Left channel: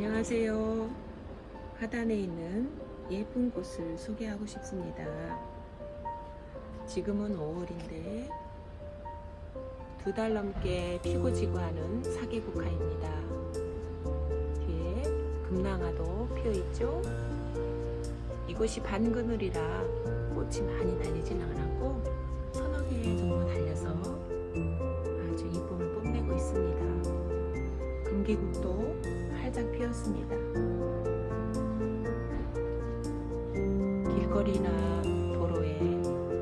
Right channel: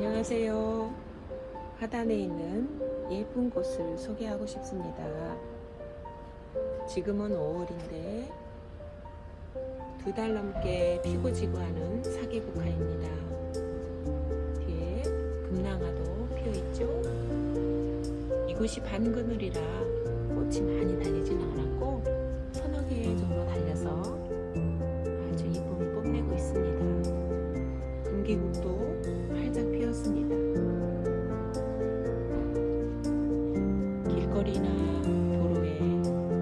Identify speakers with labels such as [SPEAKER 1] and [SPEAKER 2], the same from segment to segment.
[SPEAKER 1] 안녕하세요. 하단에 있는 예쁜 곳을 소개하고 싶습니다. 지금은 5월인데 두 달 넘게 피고 지고 하는 사계국화입니다. 뒤에 금낭화도 피어 있죠? 이곳이 반그늘이라 꽃이 많이 달리진 않았고 서너 개 정도 달려서 아주 이쁨을 뽐내고 있습니다. 금기국도 길거리나 도로에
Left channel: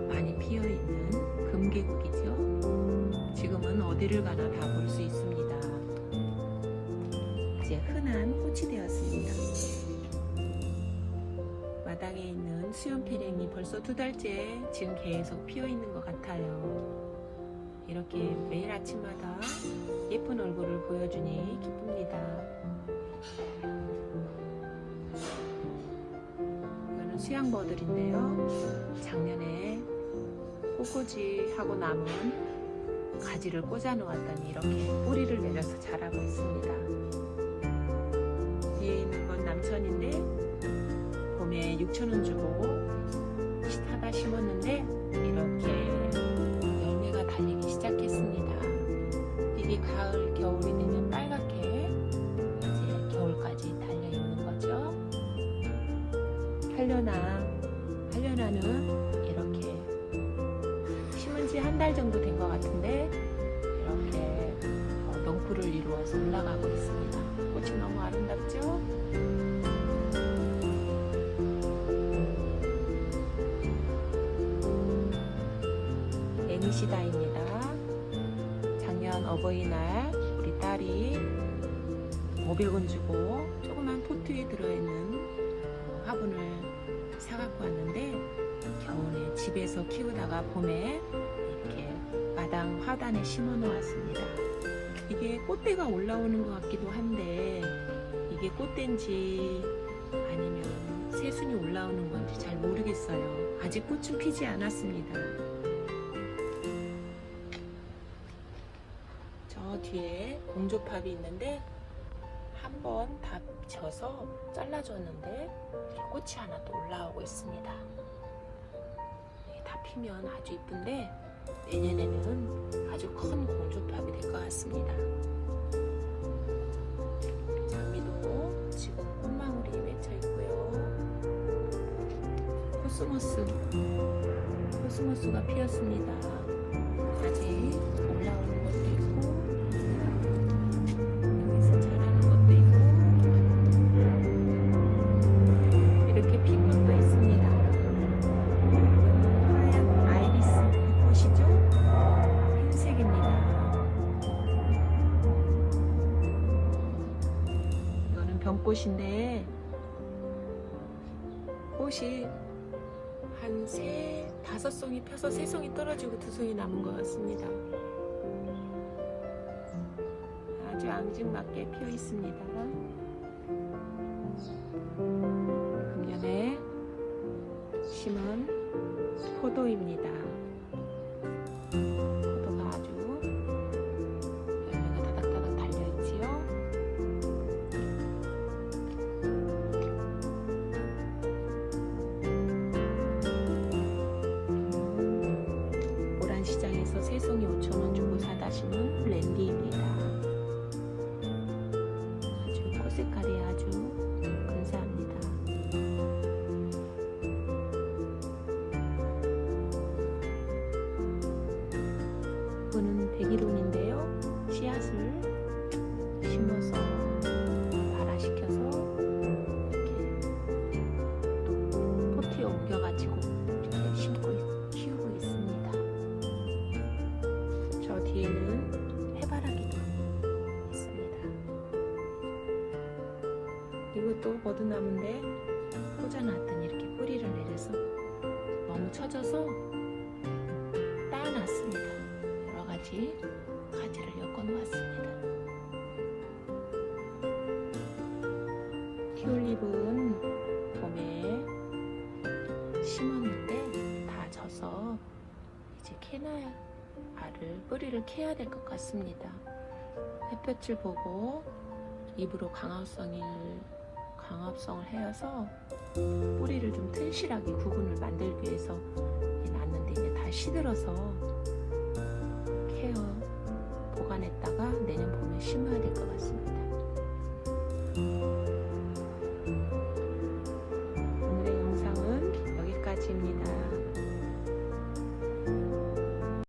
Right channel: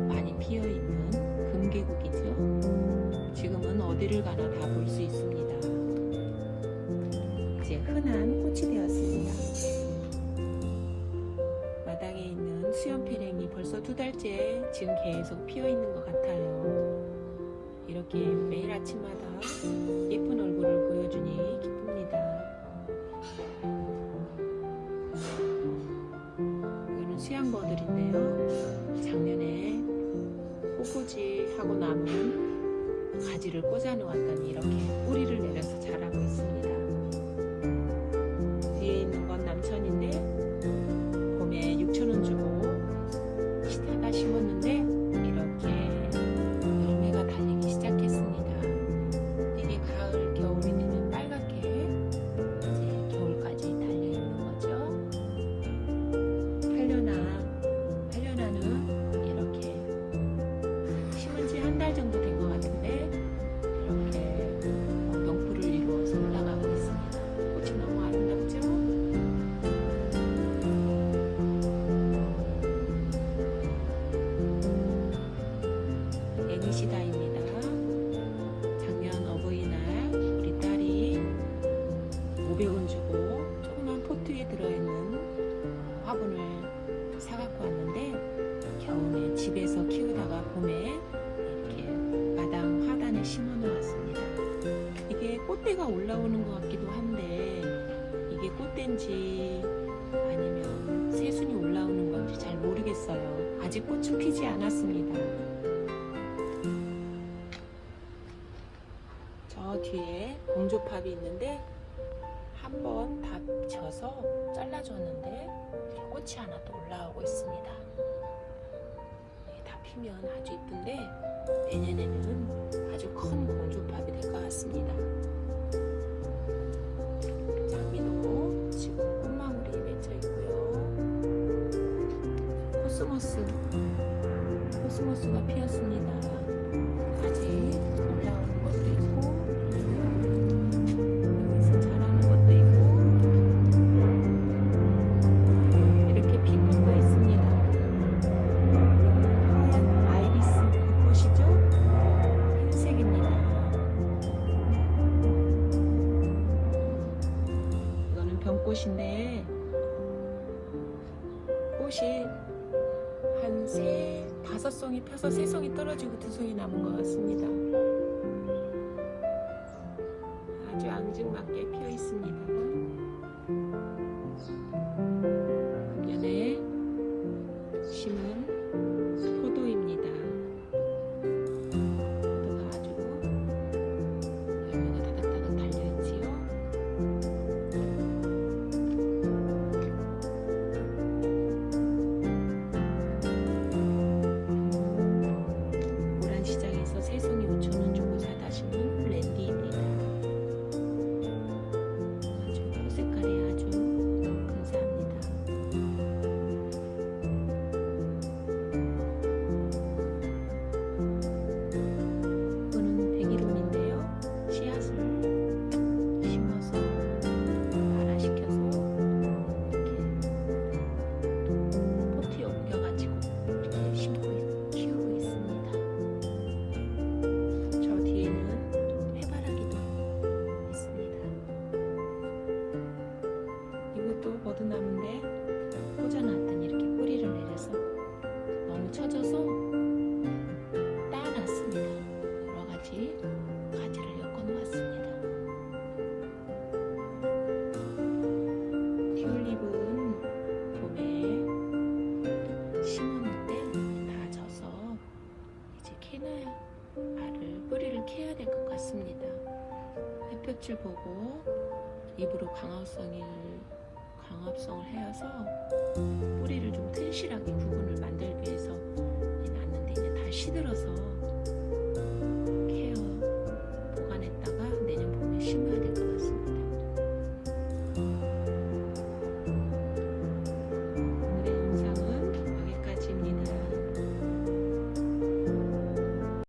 [SPEAKER 1] 많이 피어 있는 금계국이죠. 지금은 어디를 가나 다 볼 수 있습니다. 이제 흔한 꽃이 되었습니다. 마당에 있는 수염페랭이 벌써 두 달째 지금 계속 피어 있는 것 같아요. 이렇게 매일 아침마다 예쁜 얼굴을 보여주니 기쁩니다. 수양버들인데요. 작년에 꽃꽂이 하고 남은 가지를 꽂아 놓았더니 이렇게 뿌리를 내려서 자라고 있습니다. 뒤에 있는 건 남천인데 봄에 6천원 주고 사다 심었는데 한려나, 한려나는 이렇게 심은 지 한 달 정도 된 것 같은데 이렇게 어, 농풀을 이루어서 올라가고 있습니다. 꽃이 너무 아름답죠? 애니시다입니다. 작년 어버이날 우리 딸이 500원 주고 조그만 포트에 들어있는 어, 화분을 사갖고 왔는데 겨울에 집에서 키우다가 봄에 이렇게 마당 화단에 심어 놓았습니다. 이게 꽃대가 올라오는 것 같기도 한데 이게 꽃대인지 아니면 새순이 올라오는 건지 잘 모르겠어요. 아직 꽃은 피지 않았습니다. 저 뒤에 공조팝이 있는데 한번다 져서 잘라줬는데 꽃이 하나 또 올라오고 있습니다. 다 피면 아주 이쁜데 내년에는 아주 큰 공조팝이 될 것 같습니다. 장미도 지금 꽃망울이 맺혀 있고요. 코스모스, 코스모스가 피었습니다. 아직 올라오는 것도 있고 병꽃인데 꽃이 한 세, 다섯 송이 펴서 세 송이 떨어지고 두 송이 남은 것 같습니다. 아주 앙증맞게 피어 있습니다. 금년에 심은 세송이 5천원 주고 사다 심은 랜디입니다. 버드나무인데 꽂아놨더니 이렇게 뿌리를 내려서 너무 처져서 따놨습니다. 여러 가지 가지를 엮어 놓았습니다. 튤립은 봄에 심었는데 다 져서 이제 캐나야 알을 뿌리를 캐야 될 것 같습니다. 햇볕을 보고 입으로 강압성을 광합성을 해서 뿌리를 좀 튼실하게 구분을 만들기 위해서 놨는데 이제 다 시들어서